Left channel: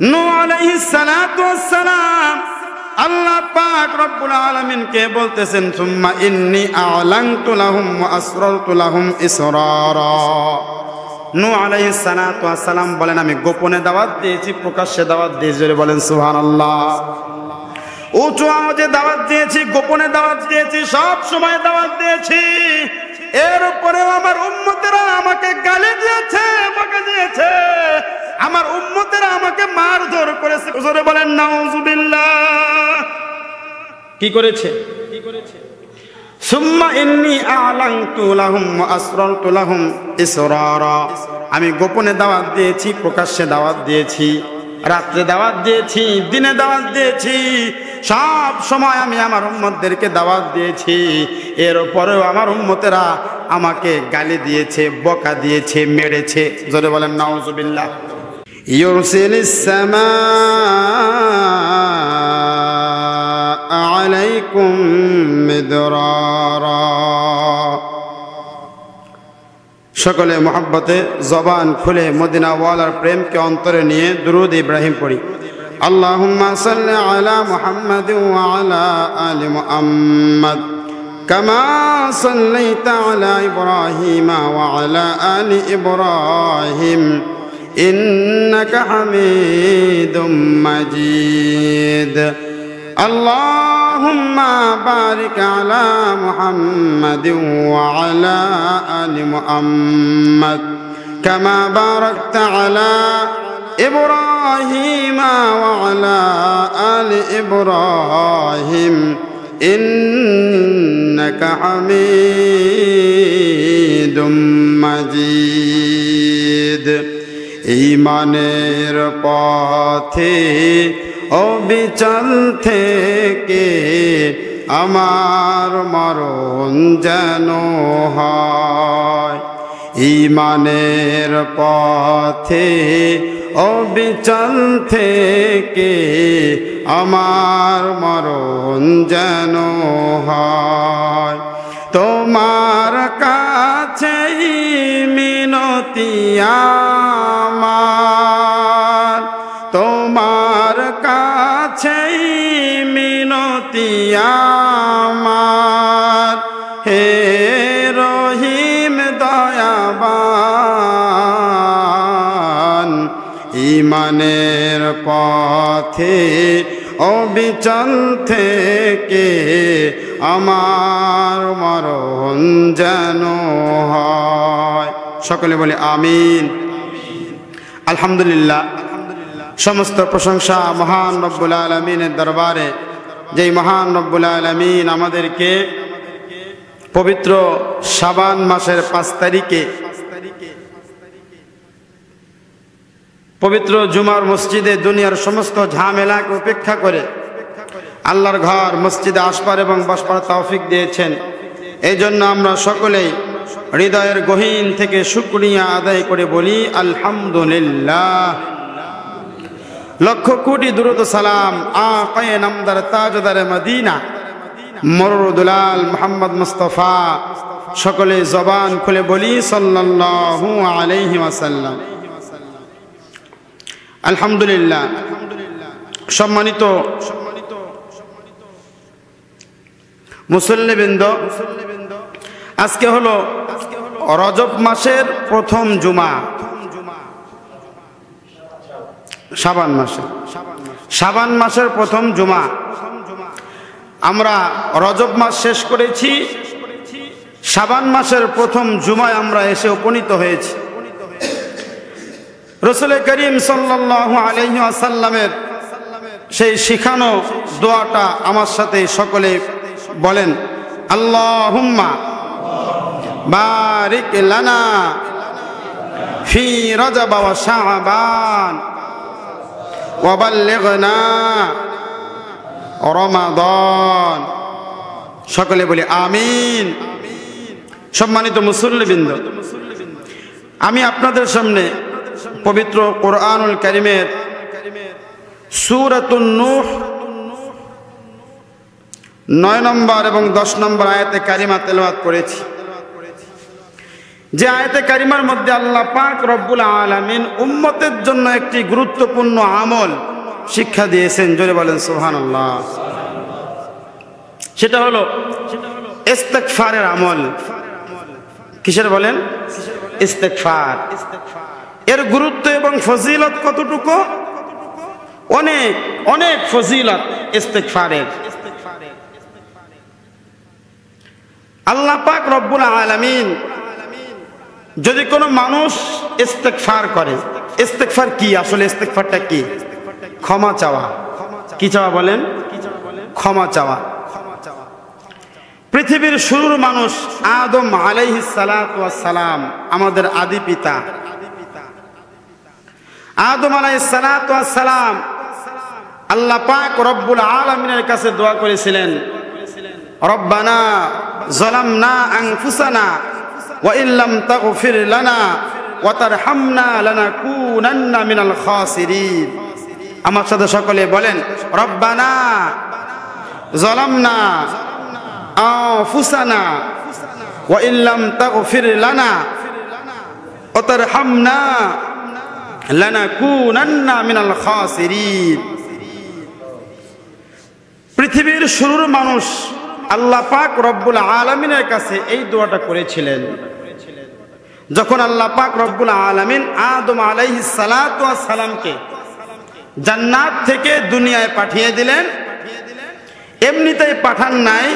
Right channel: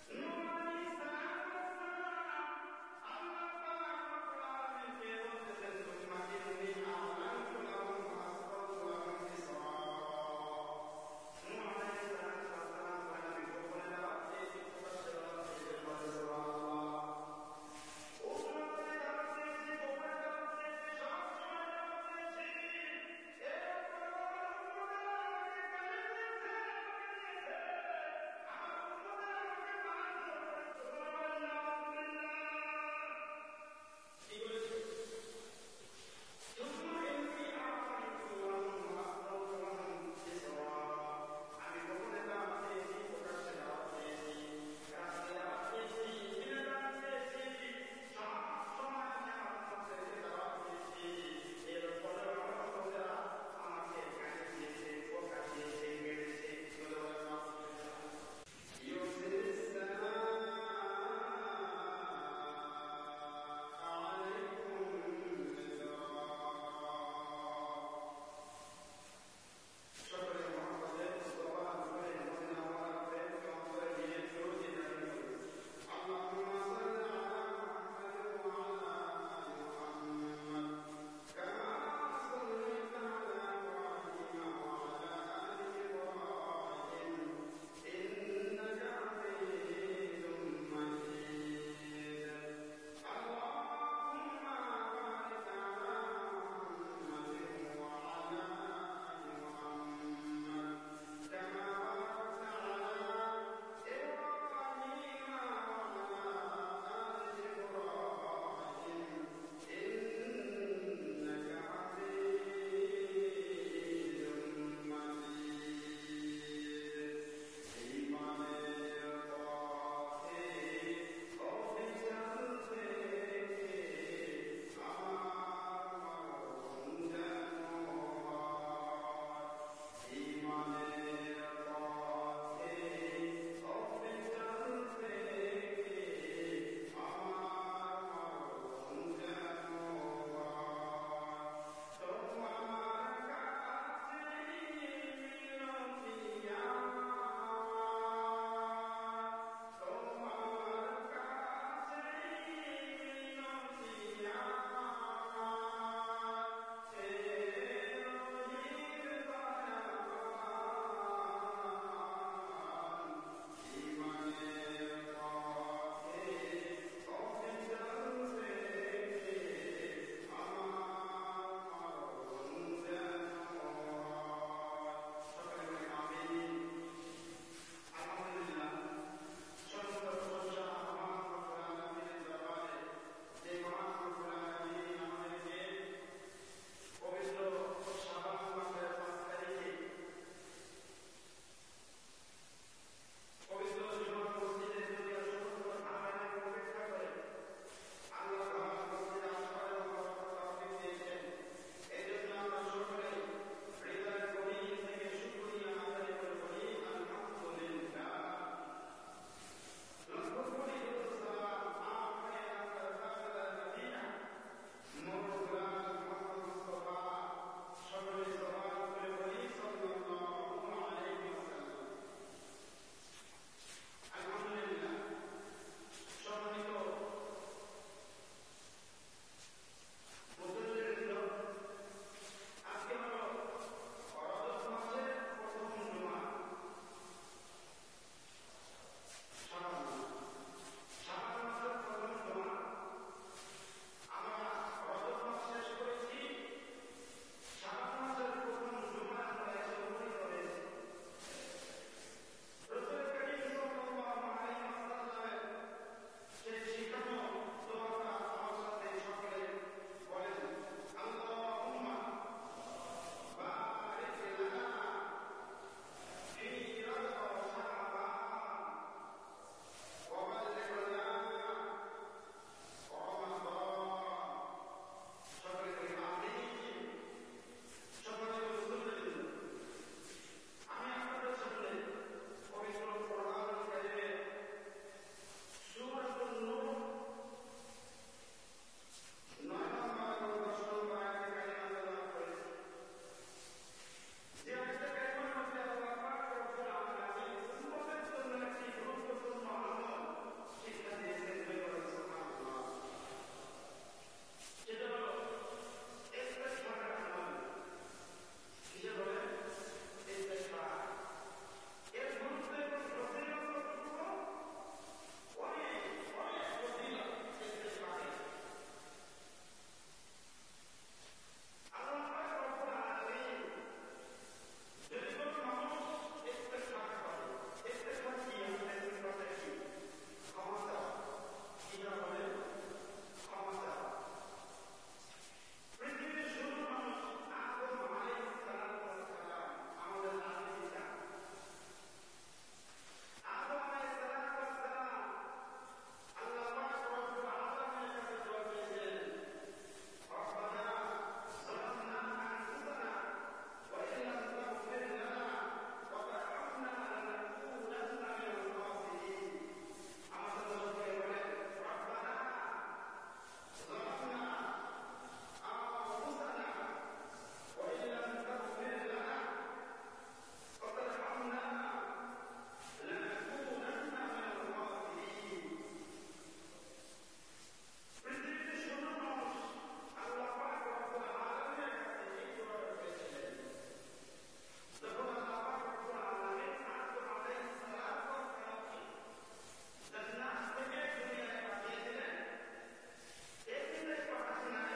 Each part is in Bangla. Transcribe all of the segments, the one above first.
নূহ আলাইহিস সালাতু ওয়াস সালাম আল্লাহ পাক রব্বুল আলামিনকে বলতেছেন সুম্মা ইন্নী আ'লানতু লাহুম ওয়া আসরারতু লাহুম ইসরারা। নূহ আলাইহিস সালাতু ওয়াস সালাম বলেন আমি গোপনে দাওয়াত দিয়েছি, প্রকাশ্যে দাওয়াত দিয়েছি। জোরে বলেন সুবহানাল্লাহ। উঁচু আওয়াজে দাওয়াত দিয়েছি, গোপনে দাওয়াত দিয়েছি, সব সময় দাওয়াত দিয়েছি। এরপরেও আমার উম্মতেরা আমাকে গালি দিয়েছে, বকা দিয়েছে, আমার উম্মতেরা আমাকে মারধর করেছে। জোরে বলেন নাউজুবিল্লাহ। কি করেছে? সুম্মা ইন্নী আ'লানতু লাহুম ওয়া আসরারতু লাহুম ইসরারা। আমি গোপনে দাওয়াত দিয়েছি, প্রকাশ্যে দাওয়াত দিয়েছি, রাত্রে দাওয়াত দিয়েছি, দিনে দাওয়াত দিয়েছি, সব সময় আমি আমার উম্মতদেরকে দাওয়াত দিয়েছি। এরপরেও আমার উম্মতেরা আমাকে গালি দিয়েছে, বকা দিয়েছে, মেরেছে। জোরে বলেন নাউজুবিল্লাহ। ইউরসিলিস সামাআ আলাইকুম মিদরারা। সকলে মোহাব্বতে জবান খুলে মদিনা ওয়ালার প্রেমকে অন্তরে নিয়ে দুরূদ ইব্রাহিম পড়ি। আল্লাহুম্মা সাল্লি আলা মুহাম্মাদ ওয়া আলা আলি মুহাম্মাদ কামা সাল্লাইতা আলা ইব্রাহিম ওয়া আলা আলি ইব্রাহিম ইন্নাকা হামিদুম মাজিদ। আল্লাহুম্মা বারিক আলা মুহাম্মাদিন ওয়া আলা আলি মুহাম্মাদ কামা বারাকতা আলা ইব্রাহিম ওয়া আলা আলি ইব্রাহিম ইন্নাকা হামিদুম মাজিদ। ঈমানের পথে অবিচল থেকে আমার মরণ যেন হয়। ঈমানের পথে অবিচল থেকে আমার মরণ যেন হয়। তোমার কাছেই মিনতি আমার, তোমার কাছেই মিনতি আমার, হে রহিম দয়াবান। ঈমানের পথে অবিচল থেকে আমার মরণ যেন হয়। সকলে বলে আমিন। আলহামদুলিল্লাহ। সমস্ত প্রশংসা মহান রব্বুল আলামিনের দরবারে, যেই মহান রব্বুল আলামিন আমাদেরকে পবিত্র শাবান মাসের 5 তারিখে পবিত্র জুমার মসজিদে দুনিয়ার সমস্ত ঝামেলাকে উপেক্ষা করে আল্লাহর ঘর মসজিদে আসবার এবং বসবার তৌফিক দিয়েছেন। এই জন্য আমরা সকলেই হৃদয়ের গহীন থেকে শুকরিয়া আদায় করে বলি আলহামদুলিল্লাহ। লক্ষ কোটি দুরূদ সালাম আকায়ে নামদার তাজদার মদিনা মরুদুলাল মুহাম্মদ মুস্তাফা। সকলে জবান খুলে বলি সাল্লাল্লাহু আলাইহি ওয়াসাল্লাম। আলহামদুলিল্লাহ। সম্মানিত মুসল্লিবৃন্দ, আজকে হলো রজব মাসের প্রথম জুমা, শাবান মাসের প্রথম জুমা। আমরা রজব মাস শেষ করেছি, শাবান মাসের প্রথম জুমায় আমরা এসে উপনীত হয়েছি। রাসূল করিম সাল্লাল্লাহু আলাইহি ওয়াসাল্লামের সেই শিখানো দোয়াটা আমার সাথে সকলে বলেন, আল্লাহুম্মা বারিক লানা ফি রজব ওয়া শাবান ওয়া বাল্লিগনা রমাদান। সকলে বলি আমিন। সম্মানিত মুসল্লিবৃন্দ, আমি আপনাদের সামনে পবিত্র কোরআনুল কারীমের সূরাতুন নূহ 9 নম্বর এবং 10 নম্বর আয়াতে কারিমা তেলাওয়াত করেছি। যে আয়াতে কারিমার মধ্যে আল্লাহ পাক রব্বুল আলামিন উম্মতের জন্য একটি গুরুত্বপূর্ণ আমল শিক্ষা দিয়েছেন, জোরে বলেন সুবহানাল্লাহ। সেটা হলো ইস্তিগফারের আমল। কিসের বলেন? ইস্তিগফার। এর গুরুত্ব এবং ফজিলত কতটুকু? অনেক অনেক ফজিলত ইস্তিগফারের। আল্লাহ পাক রব্বুল আলামিন যদি কোনো মানুষ ইস্তিগফার করে, ইস্তিগফার কি আসলে? ইস্তিগফারটা কি? ক্ষমা চাওয়া। কি চাওয়া বলেন? ক্ষমা চাওয়া। পৃথিবীর শুরুর মানুষ আদম আলাইহিস সালাতু ওয়াস সালাম, আমাদের আদি পিতা আদম আলাইহিস সালাতু ওয়াস সালাম আল্লাহ পাক রব্বুল আলামিনের কাছে দোয়া করেছিলেন, রব্বানা যালামনা আনফুসানা ওয়া ইল্লাম তাগফির লানা ওয়া তারহামনা লানাকুনান্না মিনাল খাসিরিন। আমার সাথে সকলে বলেন, রব্বানা যালামনা আনফুসানা ওয়া ইল্লাম তাগফির লানা ওয়া তারহামনা লানাকুনান্না মিনাল খাসিরিন। পৃথিবীর শুরুর মানুষ আল্লাহ পাক রব্বুল আলামিনের কাছে এই দোয়াটা করেছিলেন। যখন আল্লাহ পাক রব্বুল আলামিন আদম আলাইহিস সালাতু ওয়াস সালামকে জান্নাত থেকে দুনিয়ায় পাঠিয়ে দিলেন, এমনিতেই পাঠান নাই,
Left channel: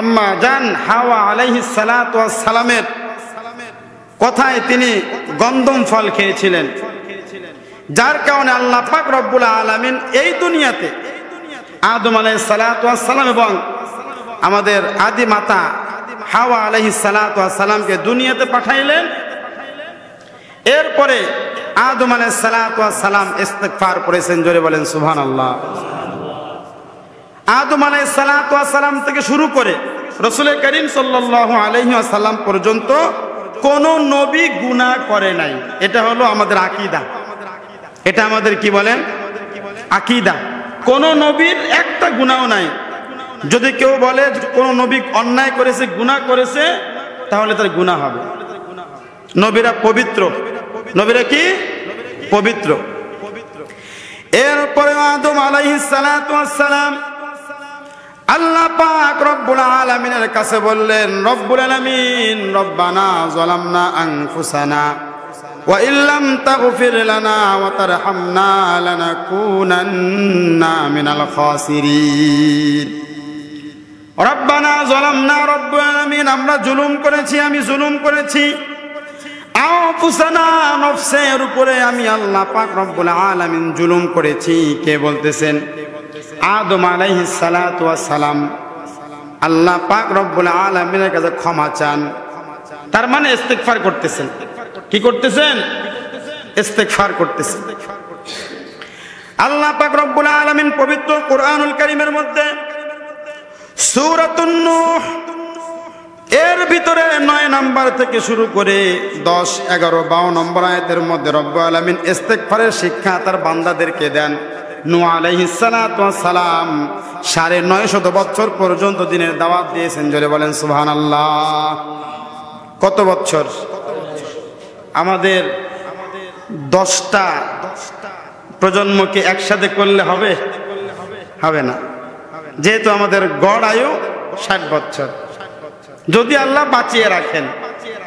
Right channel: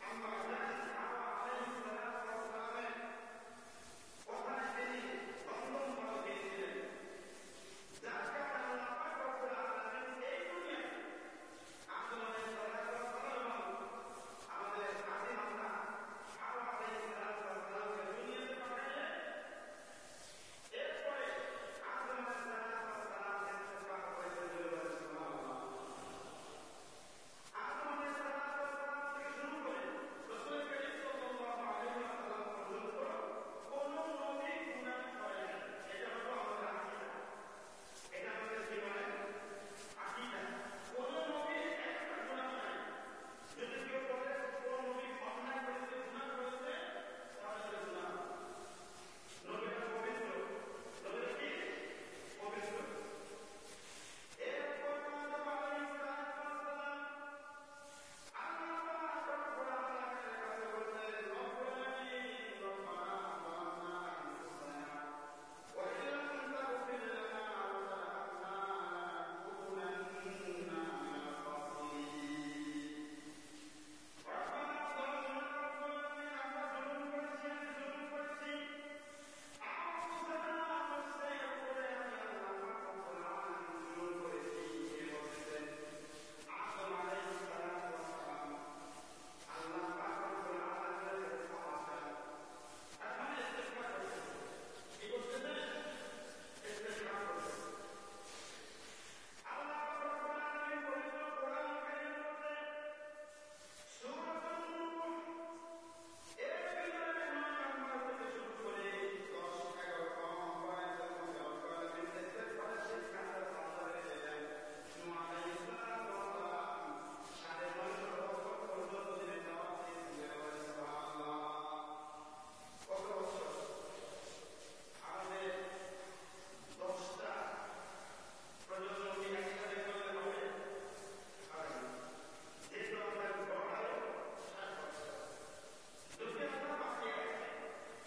আম্মা জান হাওয়া আলাইহিস সালাতু ওয়াস সালামের কথায় তিনি গন্ধম ফল খেয়েছিলেন, যার কারণে আল্লাহ পাক রব্বুল আলামিন এই দুনিয়াতে আদম আলাইহিস সালাতু ওয়াস সালাম এবং আমাদের আদি মাতা হাওয়া আলাইহিস সালাতু ওয়াস সালামকে দুনিয়াতে পাঠাইলেন। এরপরে আদম আলাইহিস সালাতু ওয়াস সালাম ইস্তিগফার করেছেন, জোরে বলেন সুবহানাল্লাহ। আদম আলাইহিস সালাতু ওয়াস সালাম থেকে শুরু করে রাসূল করিম সাল্লাল্লাহু আলাইহি ওয়াসাল্লাম পর্যন্ত কোন নবী গুনাহ করে নাই। এটা হলো আমাদের আকীদা। এটা আমাদের কি বলেন? আকীদা। কোন নবীর একটা গুনাহ নাই। যদি কেউ বলে কোন নবী অন্যায় করেছে, গুনাহ করেছে, তাহলে তার গুনাহ হবে। নবীরা পবিত্র। নবীরা কি? পবিত্র। এরপরে আদম আলাইহিস সালাতু ওয়াস সালাম আল্লাহ পাক রব্বুল আলামিনের কাছে বললেন, রব্বুল আলামিন রব্বানা যালামনা আনফুসানা ওয়া ইল্লাম তাগফির লানা ওয়া তারহামনা লানাকুনান্না মিনাল খাসিরিন। রব্বানা যালামনা, রব্বুল আলামিন আমরা জুলুম করেছি, আমি জুলুম করেছি। আনফুসানা, নফসের উপরে আমি আল্লাহ পাক রব্বুল আলামিন জুলুম করেছি। কে বলতেছেন? আদম আলাইহিস সালাতু ওয়াস সালাম আল্লাহ পাক রব্বুল আলামিনের কাছে ক্ষমা চান। তার মানে ইস্তিগফার করতেছেন। কি করতেছেন? ইস্তিগফার করতেছেন। আল্লাহ পাক রব্বুল আলামিন পবিত্র কোরআনুল কারীমের মধ্যে সূরাতুন নূহ এর ভিতরে 9 নম্বর থেকে শুরু করে 10, 11, 12 নম্বর আয়াতের মধ্যে রব্বুল আলামিন ইস্তিগফারের শিক্ষা তার বান্দাদেরকে দেন। নূহ আলাইহিস সালাতু ওয়াস সালাম 950 বছর পর্যন্ত দিনের দাওয়াত দিয়েছেন, জোরে বলেন সুবহানাল্লাহ। কত বছর? আমাদের 10টা প্রজন্মকে একসাথে করলে হবে? হবে না। যেহেতু আমাদের গড় আয়ু 60 বছর, যদি আল্লাহ বাঁচিয়ে রাখেন,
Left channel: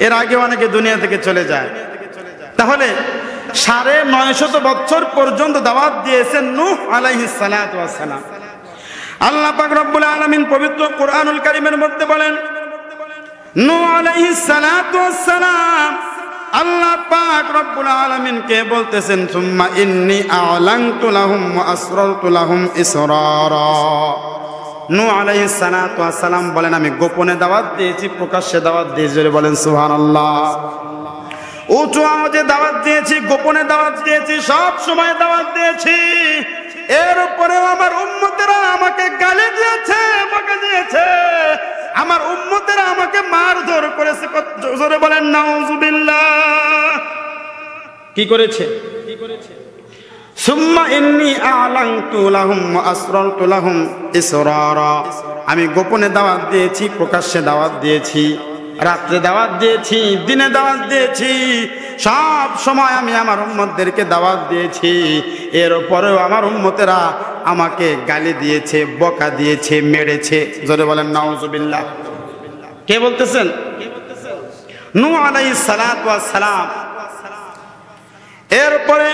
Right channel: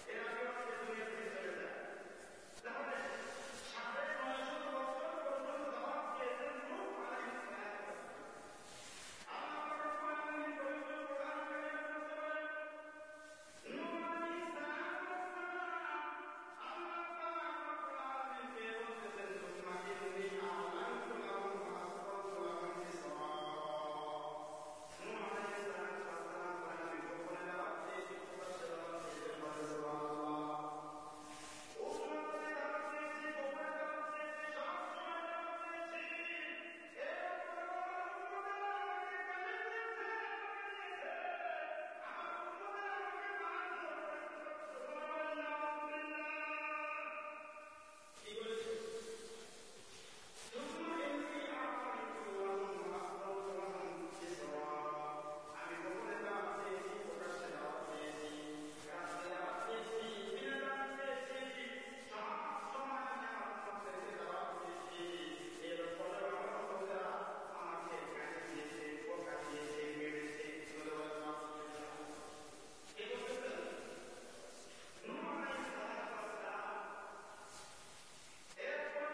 এর আগে অনেকে দুনিয়া থেকে চলে যায়, তাহলে 950 বছর পর্যন্ত দাওয়াত দিয়েছেন নূহ আলাইহিস সালাতু ওয়াস সালাম। আল্লাহ পাক রব্বুল আলামিন পবিত্র কোরআনুল কারীমের মধ্যে বলেন, নূহ আলাইহিস সালাতু ওয়াস সালাম আল্লাহ পাক রব্বুল আলামিন কে বলতেছেন, সুম্মা ইন্নী আ'লানতু লাহুম ওয়া আসরারতু লাহুম ইসরারা। নূহ আলাইহিস সালাতু ওয়াস সালাম বলেন, আমি গোপনে দাওয়াত দিয়েছি, প্রকাশ্যে দাওয়াত দিয়েছি, জোরে বলেন সুবহানাল্লাহ। উঁচু আওয়াজে দাওয়াত দিয়েছি, গোপনে দাওয়াত দিয়েছি, সব সময় দাওয়াত দিয়েছি। এরপরেও আমার উম্মতেরা আমাকে গালি দিয়েছে, বকা দিয়েছে, আমার উম্মতেরা আমাকে মারধর করেছে। জোরে বলেন নাউযুবিল্লাহ। কি করেছে? সুম্মা ইন্নী আ'লানতু লাহুম ওয়া আসরারতু লাহুম ইসরারা। আমি গোপনে দাওয়াত দিয়েছি, প্রকাশ্যে দাওয়াত দিয়েছি। রাত্রে দাওয়াত দিয়েছি, দিনে দাওয়াত দিয়েছি, সব সময় আমি আমার উম্মতদেরকে দাওয়াত দিয়েছি। এর পরেও আমার উম্মতেরা আমাকে গালি দিয়েছে, বকা দিয়েছে, মেরেছে। জোরে বলেন নাউজুবিল্লাহ। কে বলতেছেন? নূহ আলাইহিস সালাতু ওয়াস সালাম। এরপরে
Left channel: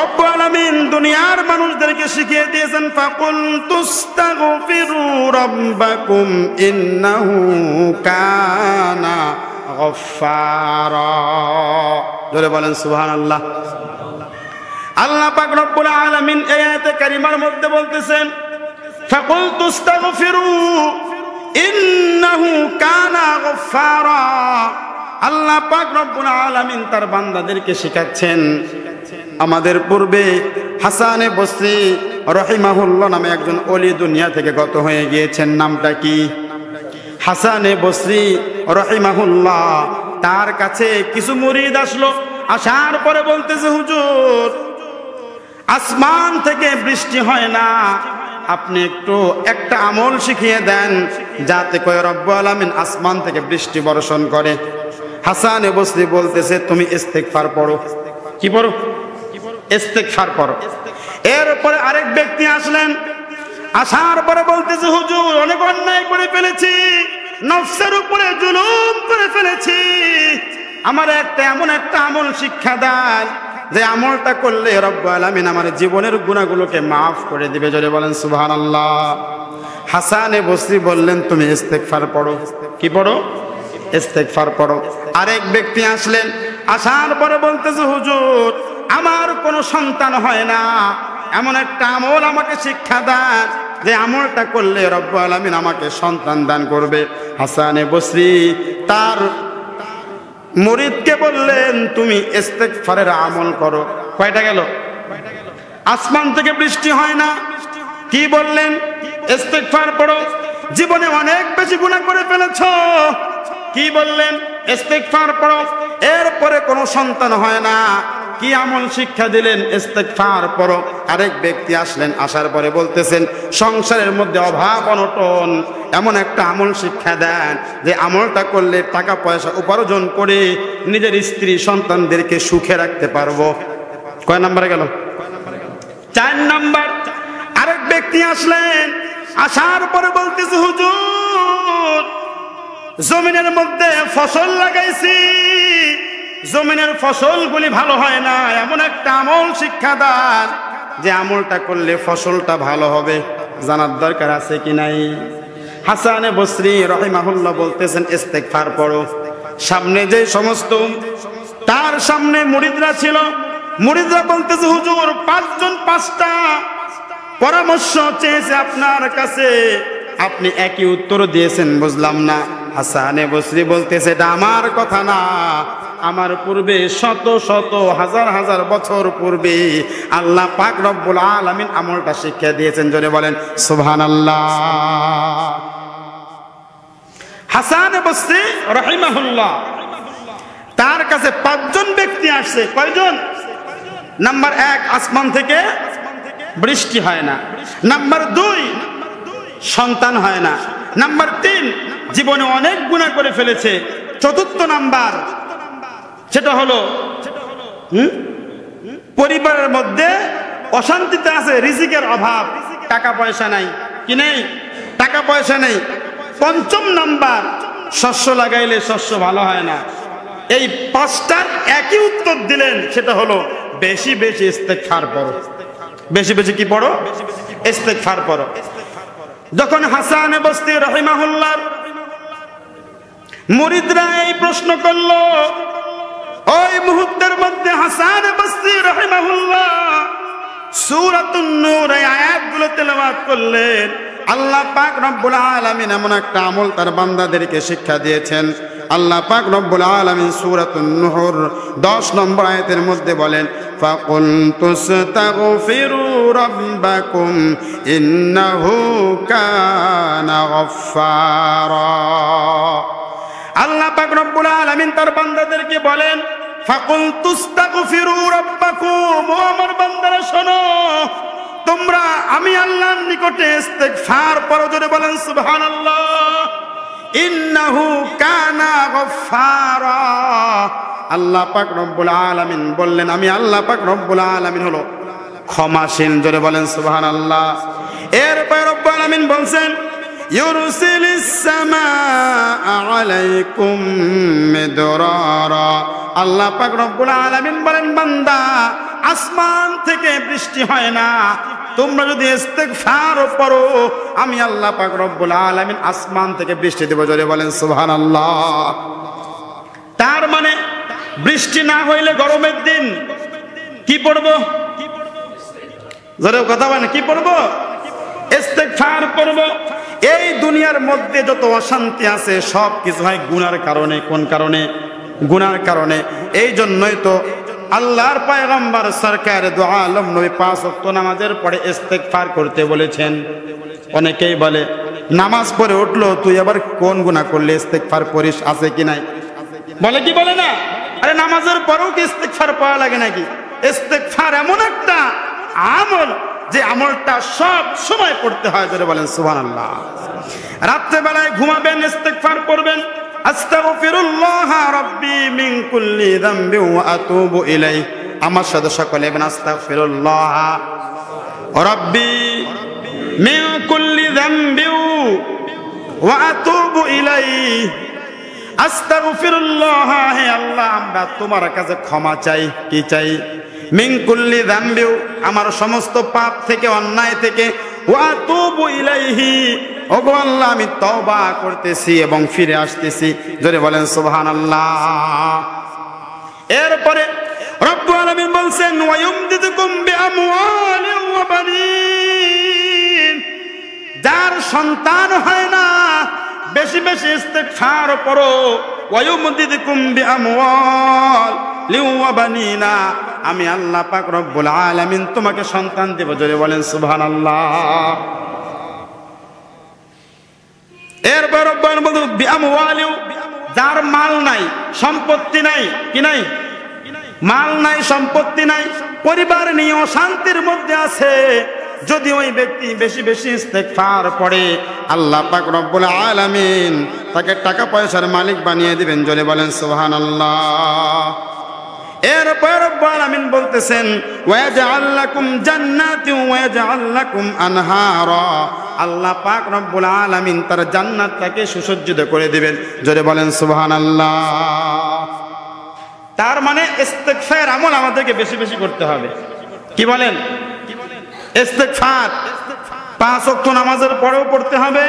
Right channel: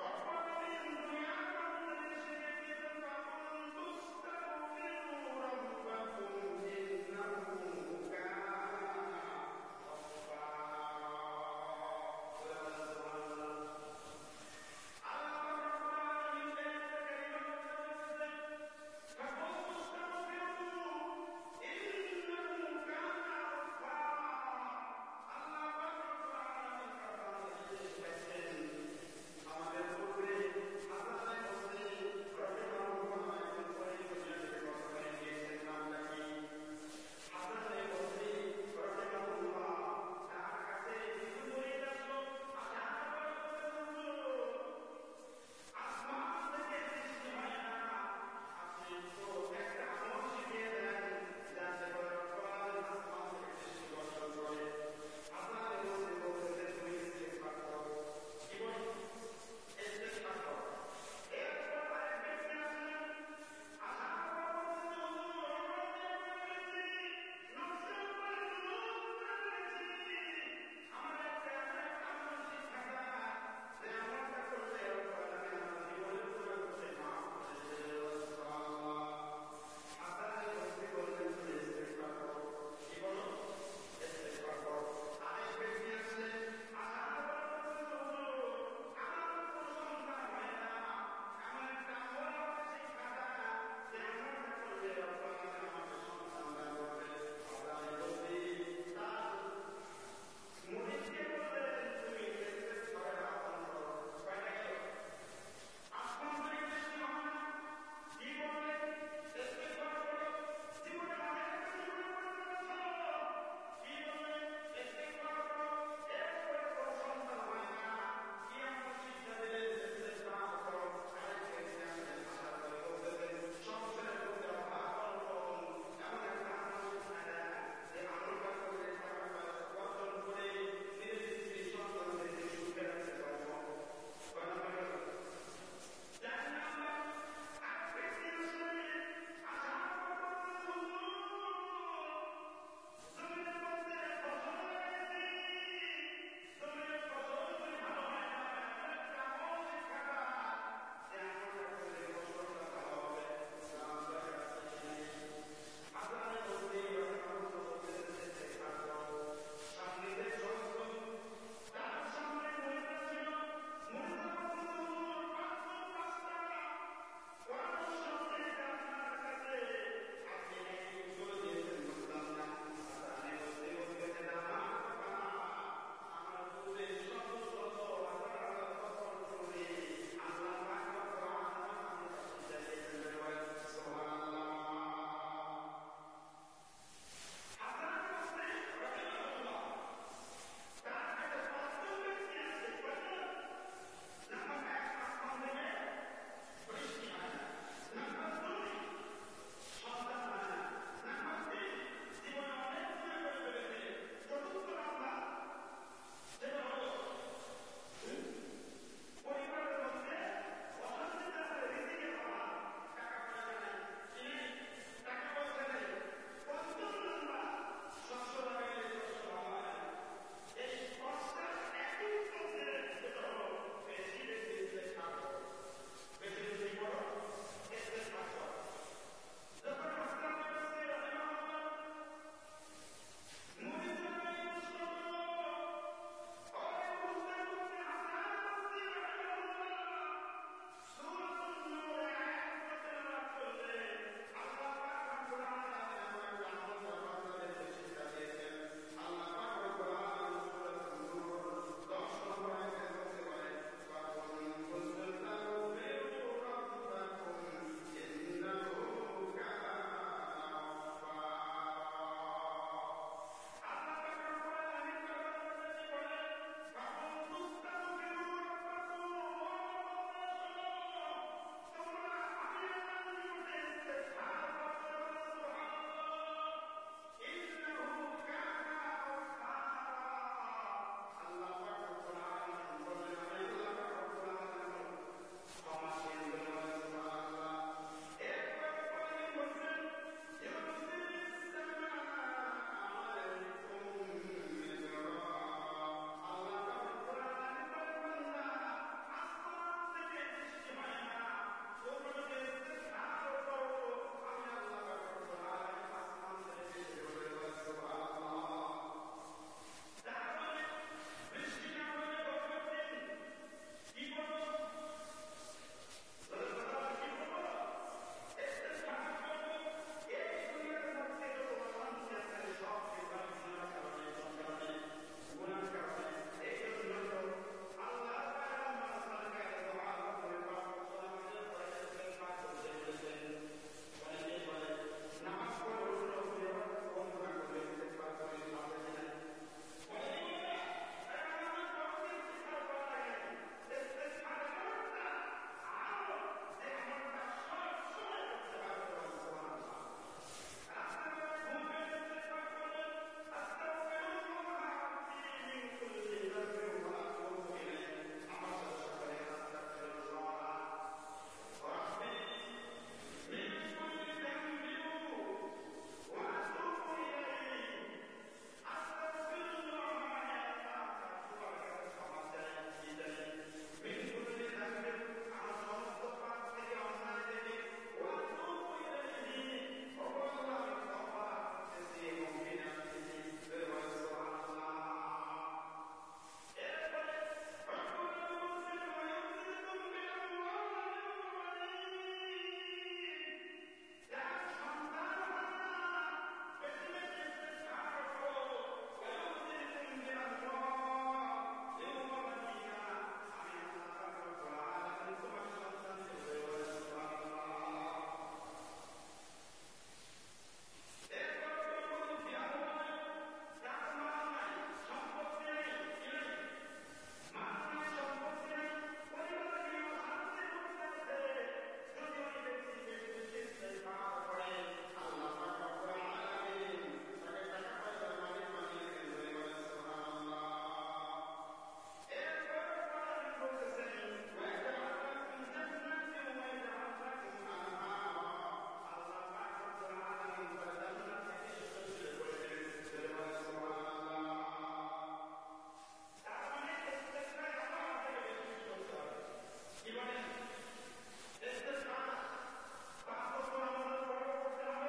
রব্বুল আলামিন দুনিয়ার মানুষদেরকে শিখিয়ে দিয়েছেন, ফাকুল তুস্তাগফিরু রাব্বাকুম ইন্নাহু কানা গফফারা। জোরে বলেন সুবহানাল্লাহ। আল্লাহ পাক রব্বুল আলামিন এই আয়াতে কারিমার মধ্যে বলতেছেন, ফাকুল তুস্তাগফিরু ইন্নাহু কানা গফফারা। আল্লাহ পাক রব্বুল আলামিন তার বান্দাদেরকে শিখাচ্ছেন। আমাদের পূর্বে হাসানে বসরি রহিমাহুল্লাহ নামে একজন ওলি দুনিয়া থেকে গত হয়ে গিয়েছেন। নামটা কি? হাসানে বসরি রহিমাহুল্লাহ। তার কাছে কিছু মুরিদ আসলো। আসার পরে বলতেছে, হুজুর, আসমান থেকে বৃষ্টি হয় না, আপনি একটু একটা আমল শিখিয়ে দেন যাতে করে রব্বুল আলামিন আসমান থেকে বৃষ্টি বর্ষণ করে। হাসানে বসরি বলতেছে, তুমি ইস্তেগফার পড়ো। কি পড়ো? ইস্তেগফার পড়ো। এরপরে আরেক ব্যক্তি আসলেন। আসার পরে বলতেছে, হুজুর, অনেক অন্যায় করে ফেলেছি, নফসের উপরে জুলুম করে ফেলেছি, আমার এমন একটা আমল শিক্ষা দেন যে আমলটা করলে রব্বুল আলামিন আমার জীবনের গুনাহগুলোকে মাফ করে দিবে। জোরে বলেন সুবহানাল্লাহ। হাসানে বসরি বললেন, তুমি ইস্তেগফার পড়ো। কি পড়ো? ইস্তেগফার পড়ো। আরেক ব্যক্তি আসলেন। আসার পরে বলতেছে, হুজুর, আমার কোনো সন্তান হয় না, এমন একটা আমল আমাকে শিক্ষা দেন যে আমলটা করলে রব্বুল আলামিন আমাকে সন্তান দান করবে। হাসানে বসরি তার মুরিদকে বললেন, তুমি ইস্তেগফারের আমল করো। কয়টা গেল? আসমান থেকে বৃষ্টি হয় না, কি বললেন? ইস্তেগফার পড়ো। জীবনে অনেক বেশি গুনাহ করে ফেলেছো, কি বললেন? ইস্তেগফার পড়ো। এরপরে কোনো সন্তান হয় না, কি আমল শিক্ষা দিলেন? ইস্তেগফার পড়ো। আরেক ব্যক্তি আসলেন। আসার পরে বলতেছেন, সংসারের মধ্যে অভাব অনটন, এমন একটা আমল শিক্ষা দেন যে আমলটা করলে টাকা পয়সা উপার্জন করে নিজের স্ত্রী সন্তানদেরকে সুখে রাখতে পারবো। কয় নাম্বারে গেল? 4 নাম্বার। আরেক ব্যক্তি আসলেন। আসার পরে বলতেছে, হুজুর, জমিনের মধ্যে ফসল লাগাইছি, জমিনের ফসলগুলি ভালো হয় না, এমন একটা আমল শিক্ষা দেন যে আমলটা করলে ফসলটা ভালো হবে। জানার দরকার আছে কি নাই? হাসানে বসরি রহিমাহুল্লাহ বলতেছেন, ইস্তেগফার পড়ো। সামনে যে সমস্ত তার সামনে মুরিদরা ছিল, মুরিদরা বলতেছে, হুজুর, 5 জন 5টা পরামর্শ চেয়েছে আপনার কাছে, আপনি একই উত্তর দিয়েছেন, বুঝলাম না। হাসানে বসরি বলতেছে, এটা আমার কথা না, আমার পূর্বে শত শত হাজার হাজার বছর পূর্বে আল্লাহ পাক রব্বুল আলামিন আমলটা শিক্ষা দিয়েছেন। জোরে বলেন সুবহানাল্লাহ। হাসান বসরি রাহিমাহুল্লাহ তার কাছে 5 জন ব্যক্তি আসছে। কয়জন? নাম্বার 1, আসমান থেকে বৃষ্টি হয় না। নাম্বার 2, সন্তান হয় না। নাম্বার 3, জীবনে অনেক গুনাহ করে ফেলেছে। চতুর্থ নাম্বার, সেটা হলো পরিবারের মধ্যে অশান্তিতে আছে, রিজিকের অভাব, টাকা পয়সা নাই। কি নেই? টাকা পয়সা নেই। 5ম নাম্বার, শস্য লাগাইলে শস্য ভালো হয় না। এই 5টার একই উত্তর দিলেন, সেটা হলো বেশি বেশি ইস্তেগফার পড়ো। বেশি বেশি কি পড়ো? ইস্তেগফার পড়ো। যখন হাসান বসরি রাহিমাহুল্লাহ মুরিদরা এই প্রশ্ন করলো, ওই মুহূর্তের মধ্যে হাসান বসরি রাহিমাহুল্লাহ সূরাতুন নূর এই আয়াতগুলো তেলাওয়াত করলেন। আল্লাহ পাক রব্বুল আলামিন এমন একটা আমল তার বান্দাদেরকে শিক্ষা দিয়েছেন। আল্লাহ পাক রব্বুল আলামিন সূরাতুন নূর 10 নম্বর আয়াতের মধ্যে বলেন, ফাকুল তুস্তাগফিরু রাব্বাকুম ইন্নাহু কানা গফফারা। আল্লাহ পাক রব্বুল আলামিন তার বান্দাদেরকে বলেন, ফাকুল তুস্তাগফিরু রাব্বাকুম, ও আমার বান্দারা শোনো, তোমরা আমি আল্লাহর নিকটে ইস্তেগফার করো। জোরে বলেন সুবহানাল্লাহ। ইন্নাহু কানা গফফারা। আল্লাহ পাক রব্বুল আলামিন বললেন, আমি আল্লাহ পাক রব্বুল আলামিন হলো ক্ষমাশীল। জোরে বলেন সুবহানাল্লাহ। এরপর রব্বুল আলামিন বলছেন, ইউরসিলিস সামাআ আলাইকুম মিদরারা। আল্লাহ পাক রব্বুল আলামিন বলেন, বান্দা আসমান থেকে বৃষ্টি হয় না, তোমরা যদি ইস্তিগফার করো আমি আল্লাহ পাক রব্বুল আলামিন আসমান থেকে বৃষ্টি দেব। জোরে বলেন সুবহানাল্লাহ। তার মানে বৃষ্টি না হইলে গরমের দিন কি পড়বো? জোরে কথা বলেন, কি পড়বো? ইস্তিগফার করব। এই দুনিয়ার মধ্যে যত অশান্তি আছে সব কিছু হয় গুনার কারণে। কোন কারণে? গুনার কারণে। এই জন্যই তো আল্লাহর পয়গম্বর সরকার দু আলম নবী 5 ওয়াক্ত নামাজের পরে ইস্তিগফার করতে বলেছেন। অনেকেই বলে নামাজ পড়ে উঠলো তুই আবার কোন গুনাহ করলে ইস্তিগফার করিস, আছে কি নাই? বলে কি বলে না? আরে নামাজের পরেও কি ইস্তিগফার পড়া লাগে নাকি? ইস্তিগফার এমন একটা আমল যে আমলটা সব সময় পড়তে হয়। জোরে বলেন সুবহানাল্লাহ। রাতে বেলায় ঘুমাবেন ইস্তিগফার করবেন, আস্তাগফিরুল্লাহ রাব্বি মিন কুল্লি যামবি ওয়া আতুবু ইলাইহি। আমার সাথে সকলে বলেন আস্তাগফিরুল্লাহ রাব্বি মিন কুল্লি যামবি ওয়া আতুবু ইলাইহি। আস্তাগফিরুল্লাহ, হে আল্লাহ আমরা তোমার কাছে ক্ষমা চাই। কি চাই? মিন কুল্লি যামবি, আমার সমস্ত পাপ থেকে, অন্যায় থেকে, ওয়া আতুবু ইলাইহি, ওগো আল্লাহ আমি তওবা করতেছি এবং ফিরে আসতেছি। জোরে বলেন সুবহানাল্লাহ। এরপরে রব্বুল আলামিন বলছেন, ওয়া ইউমদিদুকুম বিআমওয়ালিন ওয়া বানিন। যার সন্তান হয় না বেশি বেশি ইস্তিগফার করো। ওয়া ইউমদিদুকুম বিআমওয়ালিন ওয়া বানিনা, আমি আল্লাহ পাক রব্বুল আলামিন তোমাকে সন্তান দেব। জোরে বলেন সুবহানাল্লাহ। এরপর রব্বুল আলামিন বলেন বিআমওয়ালিন, যার মাল নাই, সম্পত্তি নাই, কি নাই? মাল নাই, সম্পত্তি নাই, পরিবার নিয়ে অশান্তির মধ্যে আছে, যদি ওই ব্যক্তি বেশি বেশি ইস্তিগফার পড়ে আল্লাহ পাক রব্বুল আলামিন তাকে টাকা পয়সার মালিক বানিয়ে দিবেন। জোরে বলেন সুবহানাল্লাহ। এরপর রব্বুল আলামিন বলতেছেন, ওয়াজআল লাকুম জান্নাতি ওয়াজআল লাকুম আনহারা। আল্লাহ পাক রব্বুল আলামিন তার জান্নাতটাকে সুসজ্জিত করে দিবেন। জোরে বলেন সুবহানাল্লাহ। তার মানে ইস্তিগফার আমল আমাদেরকে বেশি বেশি করতে হবে। কি বলেন? ইস্তিগফার 5 ওয়াক্ত নামাজের পরেও পড়তে হবে।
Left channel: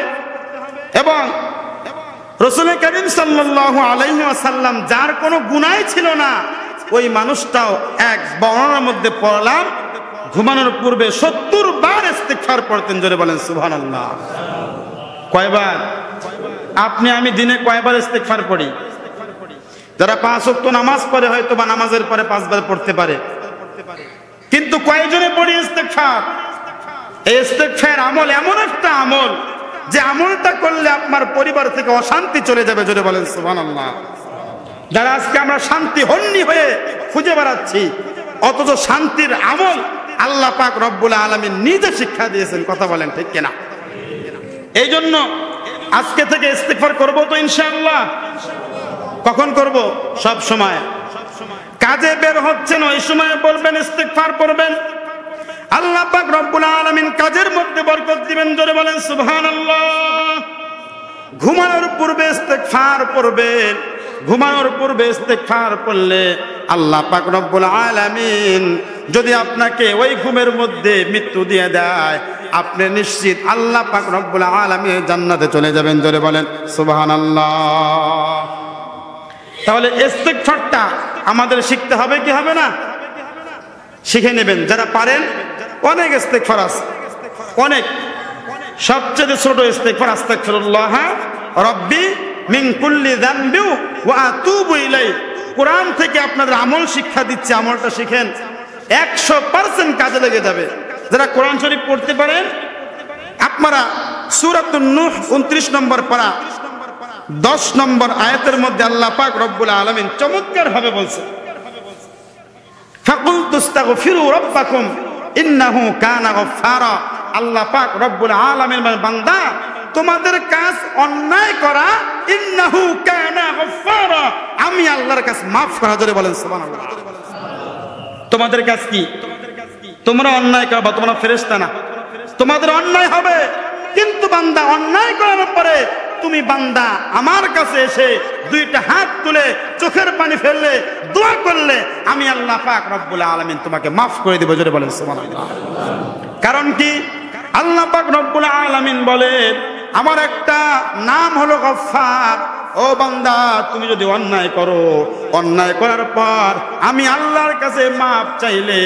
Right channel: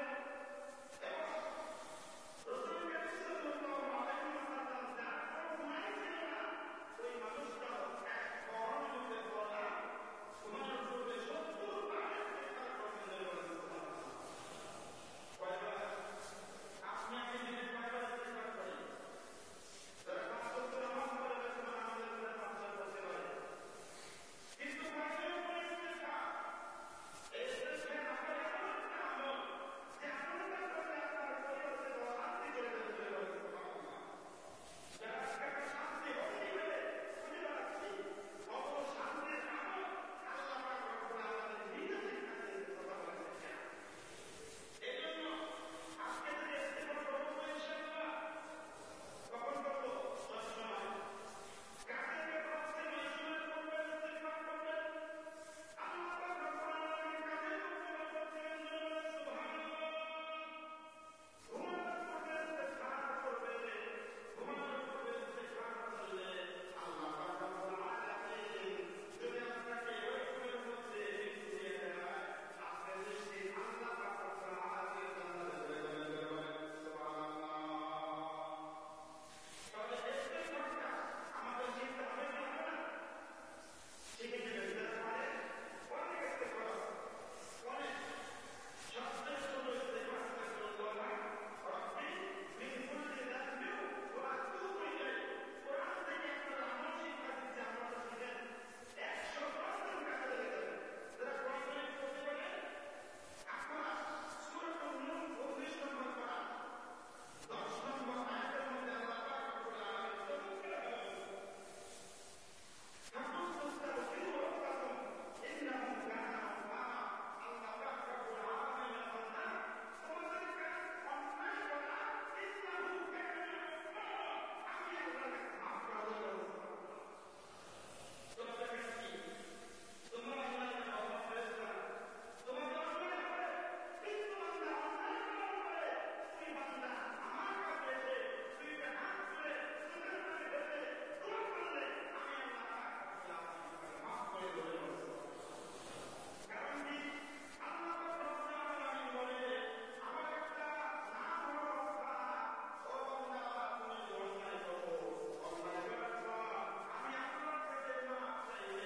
এবং রাসূল করিম সাল্লাল্লাহু আলাইহি ওয়াসাল্লাম যার কোনো গুনাহ ছিল না, ওই মানুষটাও এক বর্ণনার মধ্যে পড়লাম ঘুমানোর পূর্বে 70 বার ইস্তিগফার পড়তেন। জোরে বলেন সুবহানাল্লাহ। কয়বার? আপনি আমি দিনে কয়বার ইস্তিগফার পড়ি? যারা 5 ওয়াক্ত নামাজ পড়ে হয়তো বা নামাজের পরে 5 বার পড়তে পারে, কিন্তু কয়জনে পড়ি ইস্তিগফার? এই ইস্তিগফার আমল এমন একটা আমল যে আমলটা করলে আপনার পরিবার থেকে অশান্তি চলে যাবে। জোরে বলেন সুবহানাল্লাহ। যারা আজকে আমরা শান্তি হন্নি হয়ে খুঁজে বেড়াচ্ছি, অথচ শান্তির আমল আল্লাহ পাক রব্বুল আলামিন নিজে শিক্ষা দিয়েছেন। কথা বলেন ঠিক কিনা? এই জন্য আজকে থেকে ইস্তিগফার করব তো ইনশাআল্লাহ। কখন করব? সব সময়। কাজে বের হচ্ছেন ওই সময় বলবেন, ইস্তিগফার করবেন, আল্লাহ পাক রব্বুল আলামিন কাজের মধ্যে বরকত দিবেন। জোরে বলেন সুবহানাল্লাহ। ঘুমানোর পূর্বে ইস্তিগফার পড়বেন। ঘুমানোর পূর্বে ইস্তিগফার পড়লে আল্লাহ পাক রব্বুল আলামিন যদি আপনাকে ওই ঘুমের মধ্যে মৃত্যু দিয়ে দেয়, আপনি নিশ্চিত আল্লাহ পাক রব্বুল আলামিন জান্নাতে চলে যাবেন। জোরে বলেন সুবহানাল্লাহ। তাহলে ইস্তিগফারটা আমাদের শিখতে হবে কি হবে না? শিখে নেবেন। যারা পারেন, অনেক ইস্তিগফার আছে, অনেক। সবচেয়ে ছোট ইস্তিগফার আস্তাগফিরুল্লাহ রাব্বি মিন কুল্লি যামবি ওয়া আতুবু ইলাইহি। কোরআন থেকে আপনাদের আমল শিক্ষা দিচ্ছে, আমলটা শিখেন, 100% কাজে লেগে যাবে। যারা কোরআন শরীফ পড়তে পারেন, আপনারা সূরাতুন নূহ 29 নম্বর পারা 10 নম্বর আয়াতের মধ্যে আল্লাহ পাক রব্বুল আলামিন চমৎকার ভাবে বলছেন, ফাকুলতু আস্তাগফিরু রাব্বাকুম ইন্নাহু কানা গফফারা। আল্লাহ পাক রব্বুল আলামিন বলেন, বান্দা তোমাদের কাজ অন্যায় করা ইন্নাহু কানা গফফারা, আমি আল্লাহর কাছে মাফ করা। জোরে বলেন সুবহানাল্লাহ। তোমাদের কাজ কি? তোমরা অন্যায় করবা, তোমরা ফেরেশতা না, তোমাদের অন্যায় হবে, কিন্তু বান্দা অন্যায় করার পরে তুমি বান্দা আমার কাছে এসে দুইটা হাত তুলে চোখের পানি ফেললে, দোয়া করলে, আমি আল্লাহ পাক রব্বুল আলামিন তোমাকে মাফ করে দেব। জোরে বলেন সুবহানাল্লাহ। কারণ কি? আল্লাহ পাক রব্বুল আলামিন বলেন আমার একটা নাম হলো গফফার। ও বান্দা, তুমি যদি অন্যায় করো, অন্যায় করার পর আমি আল্লাহর কাছে মাপ চাইলে,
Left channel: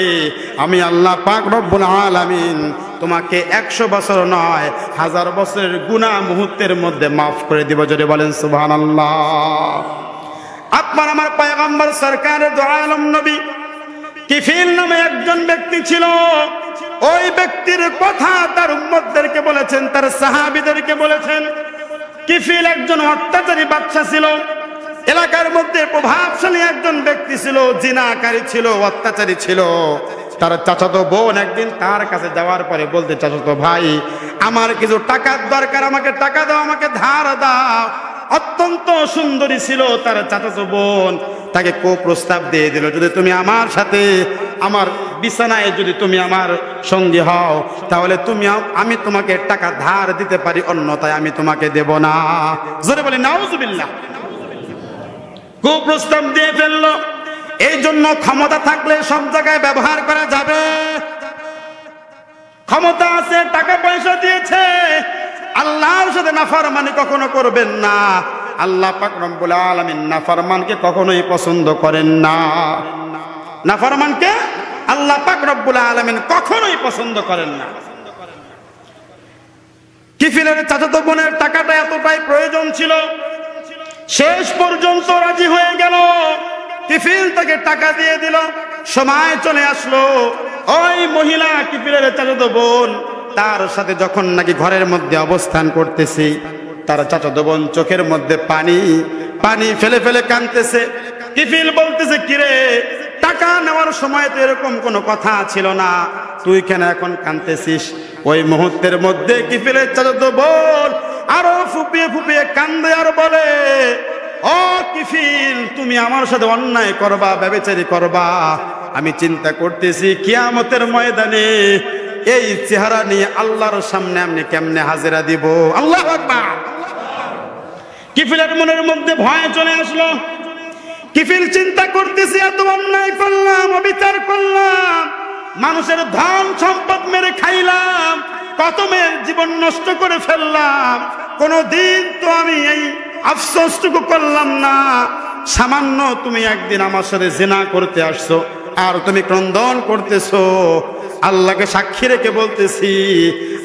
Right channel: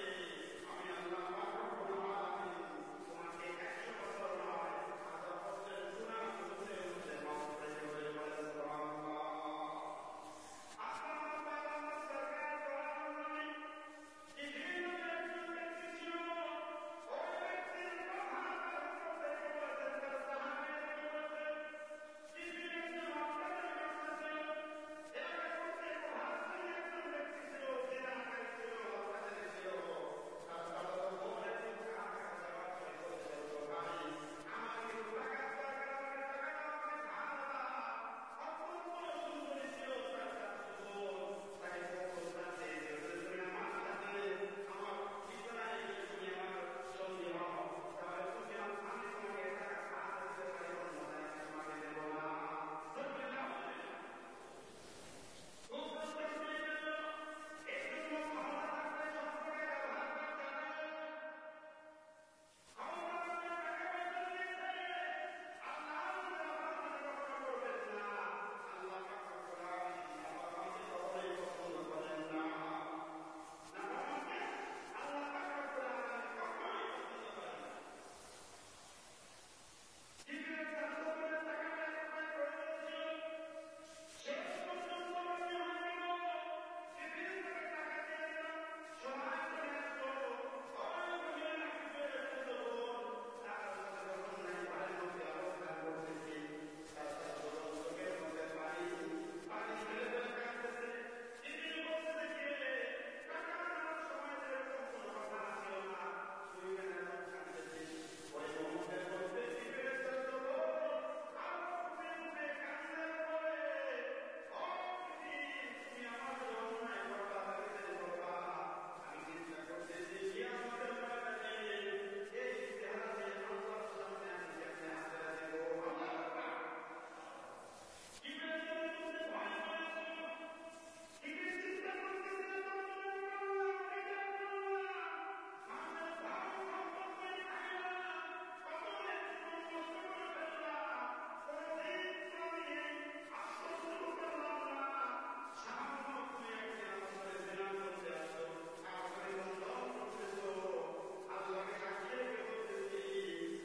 আমি আল্লাহ পাক রব্বুল আলামিন তোমাকে 100 বছর নয় 1000 বছরের গুনাহ মুহূর্তের মধ্যে মাফ করে দিব। জোরে বলেন সুবহানাল্লাহ। আপনার আমার পয়গম্বর সরকার দু আলম নবী কিফিল নামে একজন ব্যক্তি ছিল। ওই ব্যক্তির কথা তার উম্মতদেরকে বলেছেন, তার সাহাবীদেরকে বলেছেন। কিফিল একজন অত্যাচারী বাদশা ছিল, এলাকার মধ্যে প্রভাবশালী একজন ব্যক্তি ছিল, জিনাকারী ছিল, অত্যাচারী ছিল। তার চাচাতো বোন একদিন তার কাছে যাওয়ার পরে বলতে, চাচাতো ভাই, আমার কিছু টাকার দরকার, আমাকে টাকা দাও, আমাকে ধার দাও। অত্যন্ত সুন্দরী ছিল তার চাচাতো বোন, তাকে প্রস্তাব দিয়ে দিল, যদি তুমি আমার সাথে আমার বিছানায় যদি তুমি আমার সঙ্গী হও, তাহলে আমি তোমাকে টাকা ধার দিতে পারি, অন্যথায় আমি তোমাকে দেব না। জোরে বলি নাউজুবিল্লাহ। প্রস্তাব দিয়ে ফেললো। এই জন্য ক্ষমতা থাকলে সব জায়গায় ব্যবহার করা যাবে। ক্ষমতা আছে, টাকা পয়সা দিয়েছে, আল্লাহর সাথে নাফরমানি কখনো করবেন না। আল্লাহ পাক রব্বুল আলামিন নাফরমানকে কখনোই পছন্দ করেন না। নাফরমানকে আল্লাহ পাক রব্বুল আলামিন কখনোই পছন্দ করেন না। কিফিলের চাচাতো বোনের টাকাটা এতটাই প্রয়োজন ছিল, শেষ পর্যন্ত রাজি হয়ে গেল। কিফিল তাকে টাকা দিয়ে দিল। সময় চলে আসলো, ওই মহিলা কিফিলের চাচাতো বোন তার সাথে যখন নাকি ঘরের মধ্যে অবস্থান করতেছে, তার চাচাতো বোন চোখের মধ্যে পানি পানি ফেলে ফেলে কাঁদতেছে। কিফিল বলতেছে, কিরে, টাকা নেওয়ার সময় তো এরকম কোনো কথা ছিল না, তুই কেন এখন কাঁদতেছিস? ওই মুহূর্তের মধ্যে কিফিলের চাচাতো বোন আরো ফুপিয়ে ফুপিয়ে কান্দে আর বলে, ও কিফিল, তুমি আমার সাথে অন্যায় করবা, ব্যভিচারী করবা, আমি চিন্তা করতেছি কিয়ামতের ময়দানে এই চেহারা নিয়ে আল্লাহর সামনে আমি কেমনে হাজিরা দিব। আল্লাহু আকবার। কিফিলের মনের মধ্যে ভয় চলে আসলো। কিফিল চিন্তা করতেছে, এত অন্যায় করলাম, অবিচার করলাম, মানুষের ধন সম্পদ মেরে খাইলাম, কত মেয়ের জীবন নষ্ট করে ফেললাম, কোনদিন তো আমি এই আফসোসটুকু করলাম না। সামান্য তুমি একদিন আমার সাথে জিনা করতে আসছো, আর তুমি ক্রন্দন করতেছো। আল্লাহকে সাক্ষী রেখে বলতেছি,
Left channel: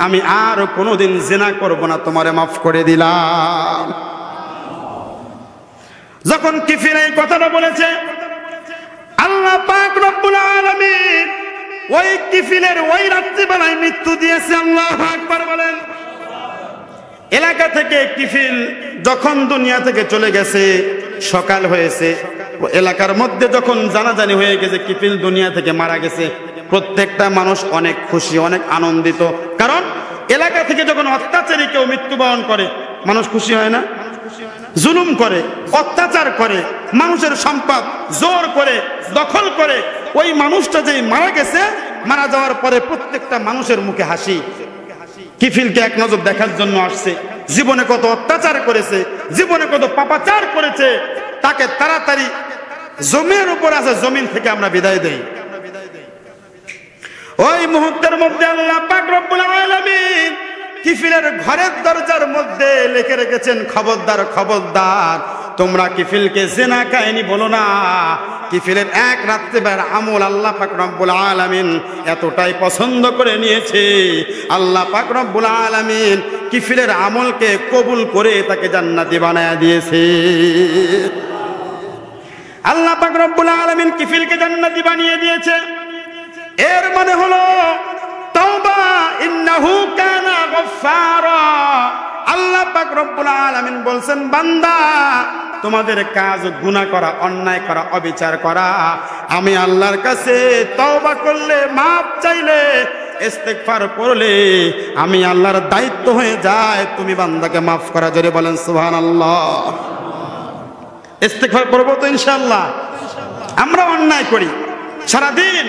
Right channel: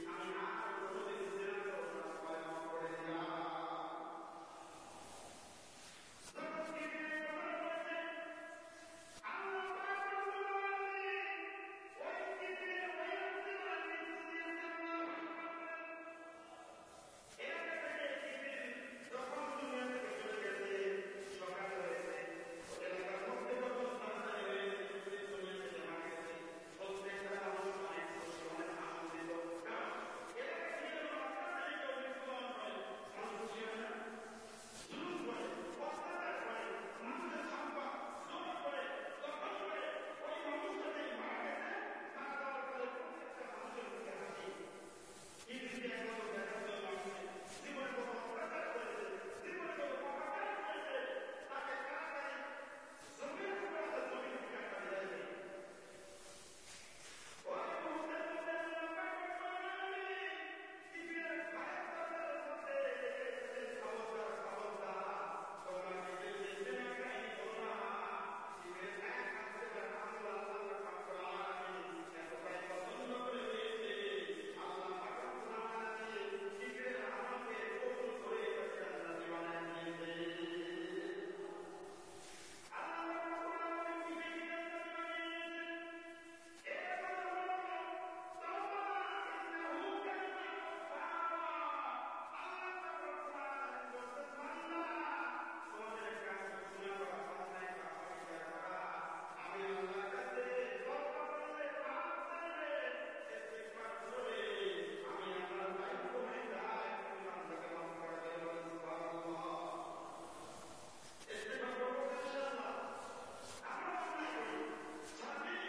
আমি আর কোনোদিন জিনা করব না, তোমারে মাফ করে দিলাম। যখন কিফিল এই কথাটা বলেছে, আল্লাহ পাক রব্বুল আলামিন ওই কিফিলের ওই রাত্রিবেলায় মৃত্যু দিয়েছে। আল্লাহু আকবার বলেন। এলাকা থেকে কিফিল যখন দুনিয়া থেকে চলে গেছে, সকাল হয়েছে, এলাকার মধ্যে যখন জানাজানি হয়ে গেছে কিফিল দুনিয়া থেকে মারা গেছে, প্রত্যেকটা মানুষ অনেক খুশি, অনেক আনন্দিত। কারণ এলাকা থেকে যখন অত্যাচারী কেউ মৃত্যুবরণ করে, মানুষ খুশি হয় না? জুলুম করে, অত্যাচার করে, মানুষের সম্পদ জোর করে দখল করে, ওই মানুষটা যে মারা গেছে, মারা যাওয়ার পরে প্রত্যেকটা মানুষের মুখে হাসি। কিফিলকে এক নজর দেখার জন্য আসছে, জীবনে কত অত্যাচার করেছে, জীবনে কত পাপাচার করেছে, তাকে তাড়াতাড়ি জমির উপর আছে, জমিন থেকে আমরা বিদায় দেই। ওই মুহূর্তের মধ্যে আল্লাহ পাক রব্বুল আলামিন কিফিলের ঘরের দরজার মধ্যে লিখে রেখেছেন, খবরদার খবরদার, তোমরা কিফিলকে জিনা কাহিনী বলো না। কিফিলের এক রাত্রিবেলার আমল আল্লাহ পাক রব্বুল আলামিন এতটাই পছন্দ করে নিয়েছে, আল্লাহ পাক রব্বুল আলামিন কিফিলের আমলকে কবুল করে তাকে জান্নাতি বানায়া দিয়েছে। আল্লাহ পাক রব্বুল আলামিন কিফিলকে জান্নাতি বানিয়ে দিয়েছে। এর মানে হলো তাওবা, ইন্নাহু কানা গফফারা। আল্লাহ পাক রব্বুল আলামিন বলছেন, বান্দা, তোমাদের কাজ গুনাহ করা, অন্যায় করা, অবিচার করা, আমি আল্লাহর কাছে তওবা করলে, মাপ চাইলে, ইস্তেগফার করলে আমি আল্লাহর দায়িত্ব হয়ে যায় তুমি বান্দাকে মাফ করা। জোরে বলেন সুবহানাল্লাহ। ইস্তেগফার করবো তো ইনশাআল্লাহ। আমরা অন্যায় করি সারাদিন,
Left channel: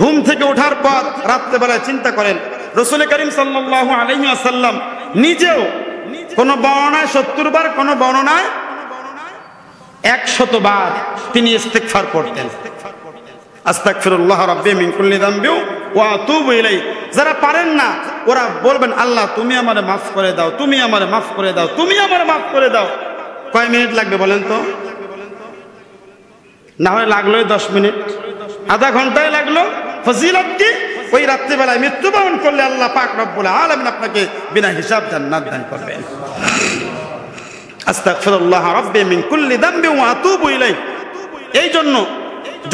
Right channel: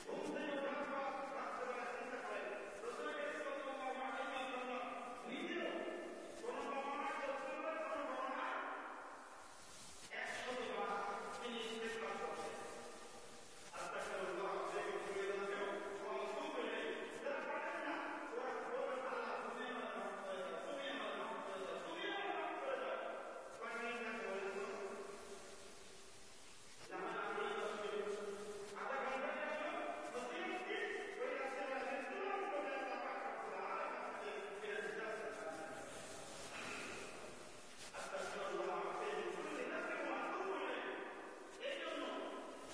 ঘুম থেকে ওঠার পর রাত্রেবেলায় চিন্তা করেন রাসূল করিম সাল্লাল্লাহু আলাইহি ওয়াসাল্লাম নিজেও কোন বর্ণনায় 70 বার, কোন বর্ণনায় 100 বার তিনি ইস্তেগফার করতেন। আস্তাগফিরুল্লাহ রাব্বি মিন কুল্লি যামবি ওয়া আতুবু ইলাইহি। যারা পারেন না ওরা বলবেন আল্লাহ তুমি আমারে মাফ করে দাও, তুমি আমারে মাফ করে দাও, তুমি আমারে মাফ করে দাও। কয় মিনিট লাগবে বলেন তো? না হয় লাগলোই 10 মিনিট, আধা ঘন্টায় লাগলো। ফজিলত কি? ওই রাত্রিবেলায় মৃত্যুবরণ করলে আল্লাহ পাক রব্বুল আলামিন আপনাকে বিনা হিসাব জান্নাত দান করবেন। আস্তাগফিরুল্লাহ রাব্বি মিন কুল্লি যামবি ওয়া আতুবু ইলাইহি। এই জন্য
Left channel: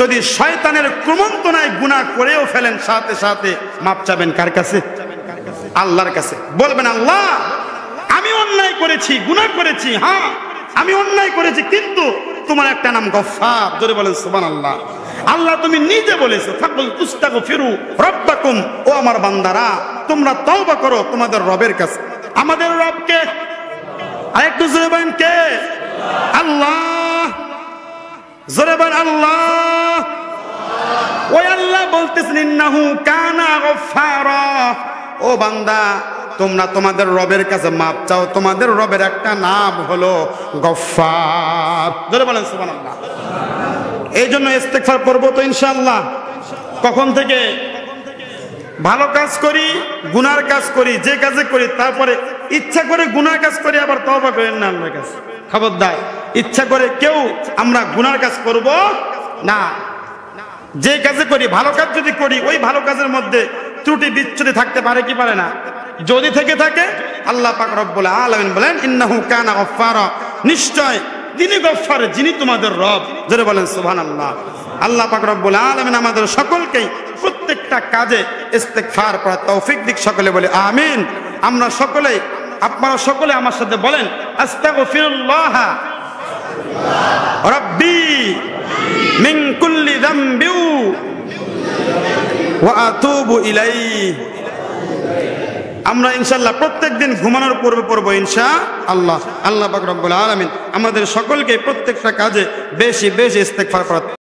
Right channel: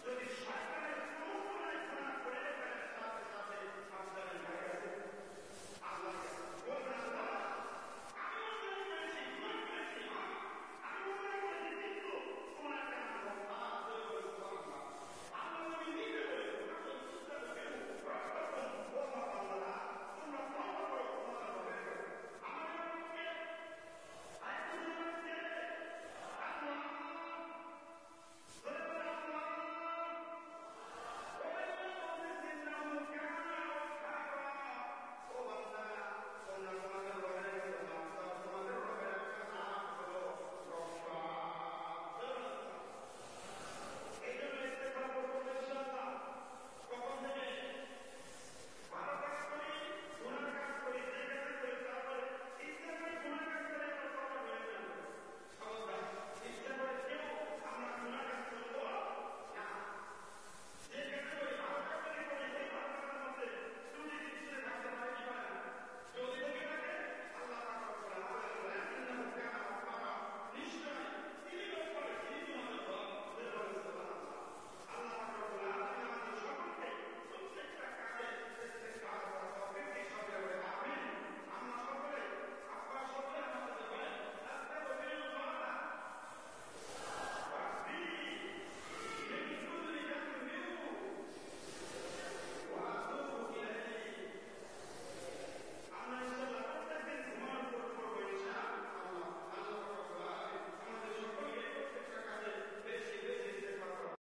যদি শয়তানের কুমন্ত্রণায় গুনাহ করেও ফেলেন সাথে সাথে মাপ চাবেন কার কাছে? আল্লাহর কাছে। বলবেন আল্লাহ আমি অন্যায় করেছি, গুনাহ করেছি, হ্যাঁ আমি অন্যায় করেছি, কিন্তু তোমার একটা নাম গফফার। জোরে বলেন সুবহানাল্লাহ। আল্লাহ তুমি নিজে বলেছো ফাকুল তুস্তাগফিরু রাব্বাকুম, ও আমার বান্দারা তোমরা তওবা করো তোমাদের রবের কাছে। আমাদের রবকে আরেকটু জোরে বলেন কে? আল্লাহ। জোরে বলেন আল্লাহ। ওই আল্লাহ বলতেছেন ইন্নাহু কানা গফফারা। ও বান্দা তোমরা তোমাদের রবের কাছে মাপ চাও, তোমাদের রবের একটা নাম হলো গফফার। জোরে বলেন সুবহানাল্লাহ। এই জন্য ইস্তেগফার করবো তো ইনশাআল্লাহ। কখন থেকে? ভালো কাজ করি, গুনার কাজ করি, যে কাজে করি, তারপরে ইচ্ছা করে গুনার কাজ করি, আবার তওবা করেন না আল্লাহর কাছে। খবরদার, ইচ্ছা করে কেউ আমরা গুনার কাজ করব না। যে কাজে করি, ভালো কাজ যদি করি, ওই ভালো কাজের মধ্যে ত্রুটি বিচ্যুতি থাকতে পারে কি পারে না? যদি থেকে থাকে আল্লাহ পাক রব্বুল আলামিন বলেন ইন্নাহু কানা গফফারা, নিশ্চয় তিনি গফফার, যিনি তোমাদের রব। জোরে বলেন সুবহানাল্লাহ। আল্লাহ পাক রব্বুল আলামিন আমাদের সকলকেই প্রত্যেকটা কাজে ইস্তেগফার করার তৌফিক দিক। সকলে বলে আমিন। আমরা সকলে, আপনারা সকলে আমার সাথে বলেন আস্তাগফিরুল্লাহ রাব্বি মিন কুল্লি যামবি ওয়া আতুবু ইলাইহি। আমরা ইনশাআল্লাহ প্রত্যেকদিন ঘুমানোর পূর্বে পড়বো ইনশাআল্লাহ। আল্লাহ পাক রব্বুল আলামিন আমাদের সকলকে প্রত্যেকটা কাজে বেশি বেশি ইস্তেগফার করার